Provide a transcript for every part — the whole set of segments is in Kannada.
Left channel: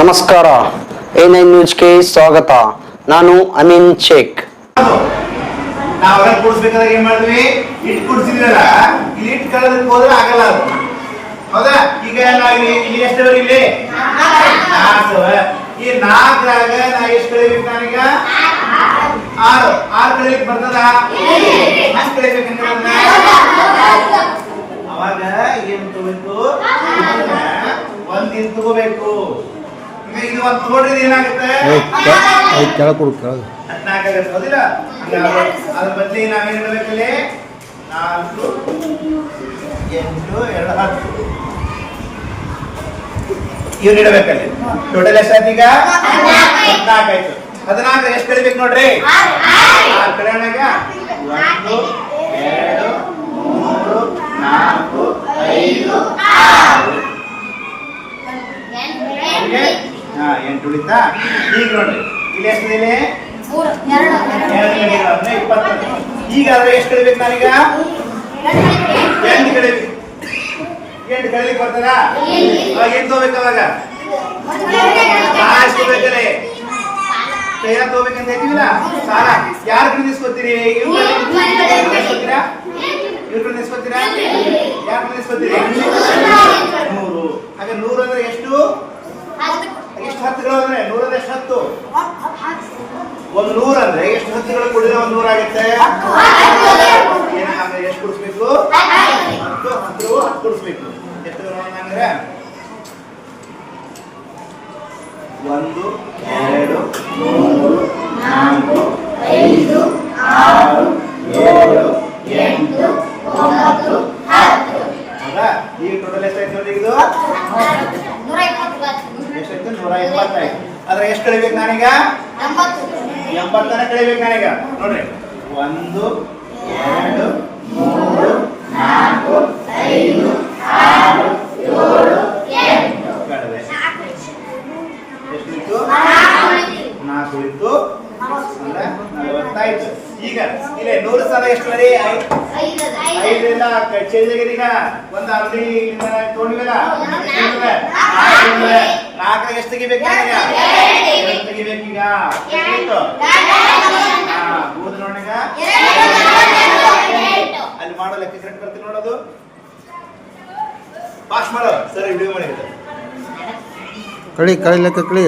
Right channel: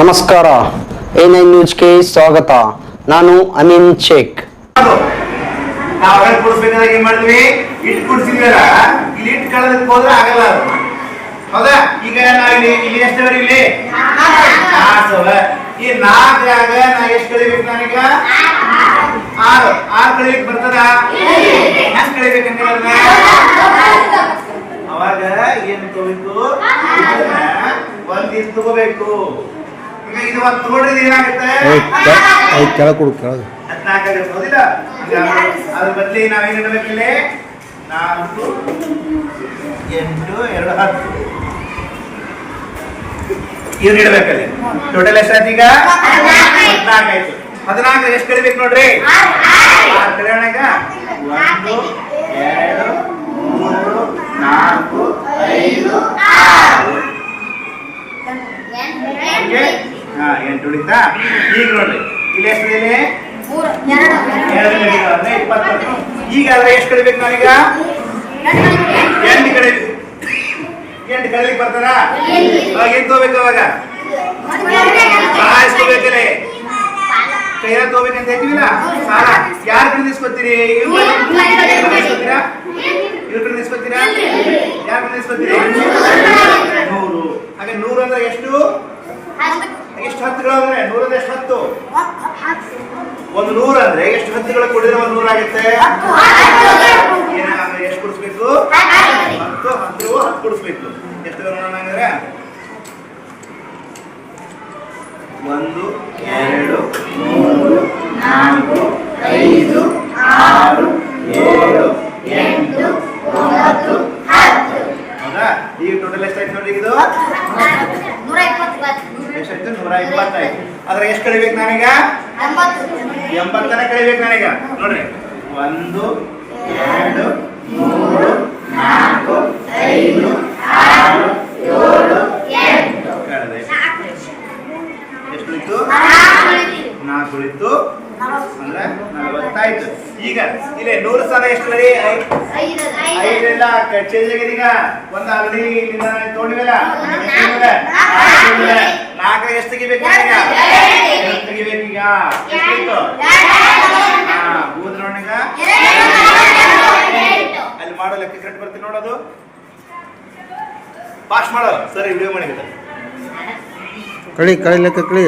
ನಮಸ್ಕಾರ, A9 ನ್ಯೂಸ್ಗೆ ಸ್ವಾಗತ. ನಾನು ಅಮೀನ್ ಶೇಖ್. ನಾವು ಕೂಡಿಸ್ಬೇಕಾದಾಗ ಏನ್ ಮಾಡಿದ್ವಿ? ಇಟ್ಟು ಕೂಡಿಸಿದ್ವಲ್ಲ, ಇಲ್ಲಿ ಇಟ್ಟು ಕಳೆದಕ್ಕೆ ಹೋದ್ರೆ ಆಗಲ್ಲ ಅದು. ಹೌದಾ? ಈಗ ನಾವಿಲ್ಲಿ ಇಲ್ಲಿ ಎಷ್ಟವರೆ ಇಲ್ಲಿ 4 ಈ 4ರಾಗ ನಾ ಎಷ್ಟು ಕಳಿಬೇಕು? ನಾನೀಗ 6 ಕಳಿಲಿಕ್ಕೆ ಬರ್ತದ? ಹೆಂಗ್ ಕಳಿಬೇಕಂದ್ರೆ ಅವಾಗ ಏನ್ ತಗೋಬೇಕು? ಒಂದ್ ತಗೋಬೇಕು. ಈಗ ಇದು ಒಂದು ತಗೊಂಡ್ರೆ ಏನಾಗುತ್ತೆ? ಕೆಳಗೆ ಕೊಡು, ಕೆಳಗೆ 14 ಆಗುತ್ತೆ. ಹೌದಿಲ್ಲ? ಅದ್ರ ಬದಲಿ ನಾವೇನ್ ಇಡಬೇಕಲ್ಲಿ? 4, 8, 2, 10 ಇವ್ನು ಇಡಬೇಕಲ್ಲಿ. ಟೋಟಲ್ ಎಷ್ಟಾಯ್ತು ಈಗ? 14 ಆಯ್ತು. 14 ಎಷ್ಟು ಕಳಿಬೇಕು ನೋಡ್ರಿ? 6 ಕಳೆಯೋಣಾಗ 1, 2, 3, 4, 5, 6 8 ಉಳಿತಾ? ಈಗ ನೋಡ್ರಿ ಇಲ್ಲಿ ಎಷ್ಟು ಇದೆ? 2 ಅಂದ್ರೆ 20. ಈಗ ಆದ್ರೆ ಎಷ್ಟು ಕಳಿಬೇಕು ನಾವೀಗ? 8 ಕಳಿಬೇಕು. 8 ಕಳಿಲಿಕ್ಕೆ ಬರ್ತದ? ಅವಾಗ ಏನ್ ತಗೋಬೇಕು? ಅವಾಗ ಎಷ್ಟು ಬೇಕಲ್ಲ? ಕೈಯಾಗ ತಗೋಬೇಕಂತ ಹೇಳ್ತೀವಿಲ್ಲ ಸಾಲ. ಯಾರ ಕಡೆ ನಿಸ್ಕೊತೀರಿ? ಇವ್ರ ಕಡೆ ನಿಸ್ಕೊತೀರಾ? ಯಾರ ಕಡೆ ನಿಸ್ಕೊತೀರಿ? 100. ಹಾಗೆ 100 ಅಂದ್ರೆ ಎಷ್ಟು? ಎಷ್ಟು ಹತ್ತುಗಳು ಅಂದ್ರೆ 100 ಎಷ್ಟು ಹತ್ತು? ಒಂದು 100 ಅಂದ್ರೆ ಎಷ್ಟು ಹತ್ತುಗಳು ಕೂಡಿದ್ರೆ ಒಂದು 100 ಆಗುತ್ತೆ? ಏನಾದ್ರೆ ಎಷ್ಟು ಕೊಡಿಸ್ಬೇಕು? 10 10 ಕೊಡಿಸ್ಬೇಕು. ಎಷ್ಟು ನೋಡೋಣ ಹಂಗಾರೆ? 1, 2, 3, 4, 5, 6, 7, 8, 9, 10. ಹೌದಾ? ಈಗ ಟೋಟಲ್ ಎಷ್ಟಾಯ್ತು ನೋಡಿ? ಇದು ಎಷ್ಟಾಯ್ತು? 120 ಆಯ್ತು. ಆದ್ರೆ ಎಷ್ಟು ಕಳಿಬೇಕು ನಾನೀಗ? 80 ಕಳಿಬೇಕು ನಾನೀಗ. ನೋಡ್ರಿ 1, 2, 3, 4, 5, 6, 7, 8 ಕಳೆದೆ. ಎಷ್ಟು ಉಳಿತು? 4 ಉಳಿತು. ಅಂದ್ರೆ 40 ಆಯ್ತು. ಈಗ ಇಲ್ಲಿ 100 ಸಾಲ ಎಷ್ಟು ಬರೀ? 5 ಇಲ್ಲ ಚೇಂಜ್ ಆಗಿದೆ. ಈಗ ಒಂದು ಆಲ್ರೆಡಿ ಇಲ್ಲಿಂದ ತಗೊಂಡಿವಲ್ಲ, 4 ಎಷ್ಟು ತೆಗಿಬೇಕು? ಈಗ ತೆಗಿಬೇಕು. ಈಗ ಎಷ್ಟು? ಹೋದ್ರೆ ನೋಡೀಗ ಅಲ್ಲಿ ಮಾಡೋ ಲೆಕ್ಕ ಕರೆಕ್ಟ್ ಬರ್ತೀನಿ ನೋಡೋದು. ಪಾಸ್ ಮಾಡೋ ಸರಿ, ವಿಡಿಯೋ ಮಾಡಿದ್ರೆ ಕಳಿ ಲೆಕ್ಕ ಕಳಿ.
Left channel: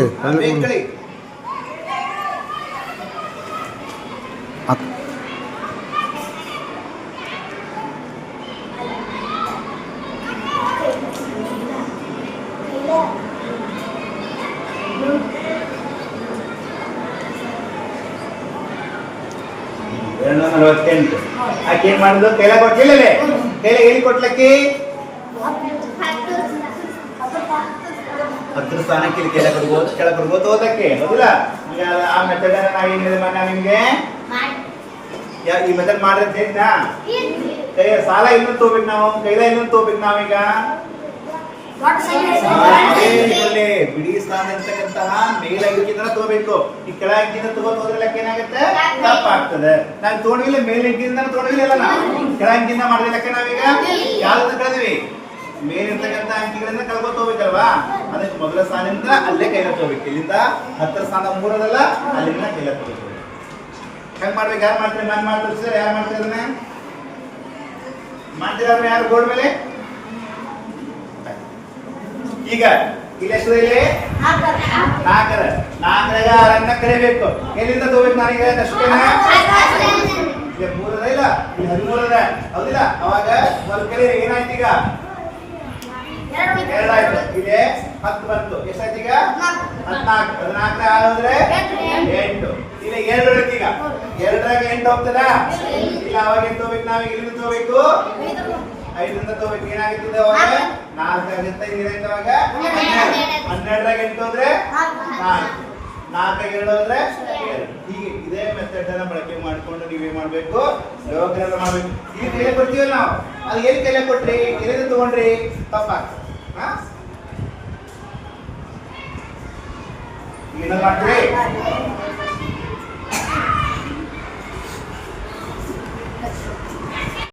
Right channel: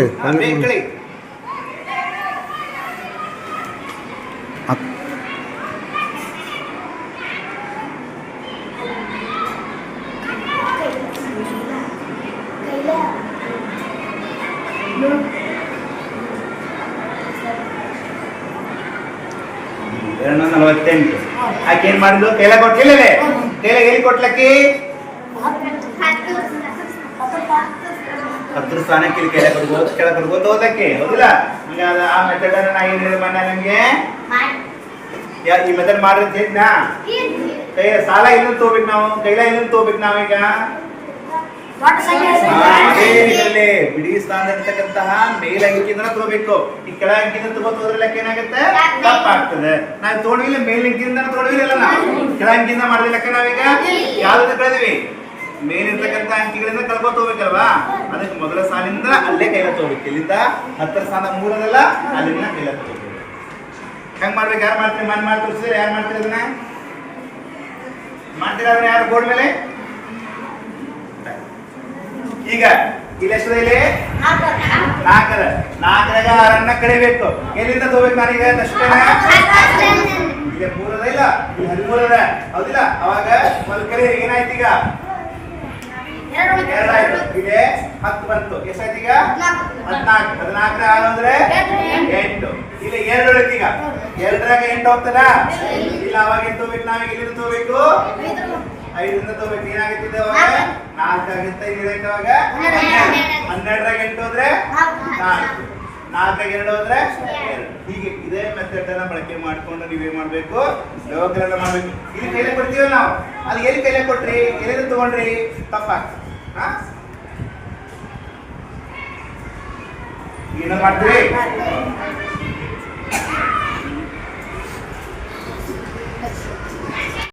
ಆಕೆ ಏನ್ ಮಾಡಿದ್ರು? ತೈಲ ಕೊಟ್ಟಿಲ್ಲ. ತೈಲ ಏನ್ ಕೊಟ್ಲಕ್ಕಿ? 10 ಸ್ಥಾನಕ್ಕೆ ಕೆಳ ಕೊಡ್ಬೋದು ಹೋದಕ್ಕೆ. ಹೌದಿಲ್ಲ? ಈಗ ಆ ಮೆಥಡ್ ನಾ ಏನ್ ಹೇಳಿದೆ ಮೊನ್ನೆ ನಿಮ್ಗೆ? ಈ ಮೆಥಡ್ ಮಾಡಿದ್ರೆ ಹೇಳಿದ್ನಾ? ಕೈ ಸಾಲ ಇನ್ನೊಂದು ತಗೋಬೇಕು ನಾವು, ಕೈಲ ಇನ್ನೊಂದು ತಗೋಬೇಕು ನಾವೀಗ. ಅದೇ ಬಿಡಿ ಸ್ಥಾನ ಇರ್ತಕ್ಕಂತಹ ಮೇಲ್ ಅಂಕಿಯಿಂದ ತಗೋಬೇಕು. ಈ ಕೆಳ ಅಂಕಿಯಿಂದ ತಗೋತ ಹೋದ್ರೆ ಲೆಕ್ಕ ಏನಾಗುತ್ತೆ? ತಪ್ಪಾಗ್ತದೆ. ನಾವು ತಗೊಂಡ್ವಿಲ್ಲ ಮೇಲ್ ಅಂಕಿಯಿಂದ ತಗೊಂಡ್ವಿಲ್ಲ, ನಾವು ಕೆಳ ಅಂಕಿಯಿಂದ ಮಾಡಿದ ಲೆಕ್ಕ ನಾವೀಗ ಯಾವ್ದು ಕಳೆದ್ವಿ? ಮೇಲಿರ್ತಕ್ಕಂಥ ಅಂಕಿಗಳಿಂದ ಕಳ್ಕೊತ ಹೋಗ್ಬೇಕಲ್ವಾ? ಅದಕ್ಕೆ ಮೊದಲ ಸಾಲಿಂದ ಅಲ್ಲೇ ಕೈಲ ತಗೋಬೇಕು. ಇಲ್ಲಿಂದ 10 ಸ್ಥಾನ 3 ಅಲ್ಲಿಂದ ಕೈಲ ತಗೋಬೇಕು. ಹೆಂಗ್ ಮಾಡ್ಬೇಕು? ಯಾರು ಮಾಡ್ತೀರಿ? ಮಾಡಿ ತೋರಿಸಿದ್ರೆ ಯಾರು ಮಾಡ್ತೀರ? ಅದನ್ನ ಮಾಡ್ತೀರ? ಅದನ್ನ ಯಾರು ಬೋರ್ಡ್ ಮೇಲೆ? ಈಗ ಇಲ್ಲಿ ಎಷ್ಟು? ಇಲ್ಲಿ 4 4ರಾಗ 6 ಕಳಿಬೇಕು. ಎಲ್ಲಿಂದ ತಗೋಬೇಕು ನಾನೀಗ? ಅಷ್ಟೇನ? ಈಗ 3 ಇಲ್ಲ, 13 ಹೌದಿಲ್ಲ? ಅವಾಗ ಒಂದು ಕಡೆ ಏನಾಯ್ತು? ಈಗ 2 ಆಯ್ತು. ಇಲ್ಲಿ 10 ಬಂತು. ಎಷ್ಟಾಯ್ತು ಈಗ? 14. 14 ಆದ್ರೆ 8. ಇಲ್ಲಿ 2 ಉಳಿತು. ಈಗ 2ರಾಗ 8 ಹೋಗ್ತದ? ಇಲ್ಲ, ಅವಾಗ ಏನು ತಗೋಬೇಕು? ನಾವೀಗ ಇಲ್ಲಿಂದ ತಗೋಬೇಕು, 5ರಿಂದ ತಗೋಬೇಕು. ಏನಾಗುತ್ತೆ? ಅವಾಗ 4 ಆಗುತ್ತೆ. ಇಲ್ಲಿಂದ ಅವಾಗ 12ರಾಗ 8 ಹೋದ್ರೆ 4, 4ರಾಗ 2 ಹೋದ್ರೆ 2. ಹೀಗೆ ಇದೇ ಮೆಥಡ್ ಅನ್ನ ಬಳಕೆ ಮಾಡ್ಕೊಂಡು ನೀವೇನ್ ಮಾಡ್ಬೇಕು? ವ್ಯವಕಲನ ಮಾಡ್ಬೇಕು. ಇಲ್ಲಿ ಕೈಲಿ ಕೊಡ್ತೀವಲ್ಲ ನಾವು, ಅದು ಎಲ್ಲಿ ಕೈಲಿ ಕೊಟ್ರಿ? ಎಲ್ಲಿಂದ ತಗೊಂಡ್ರಿ? ತಪ್ಪಾಗ್ತದೆ. ಏನ ಮಾಡ್ತೀರಿ?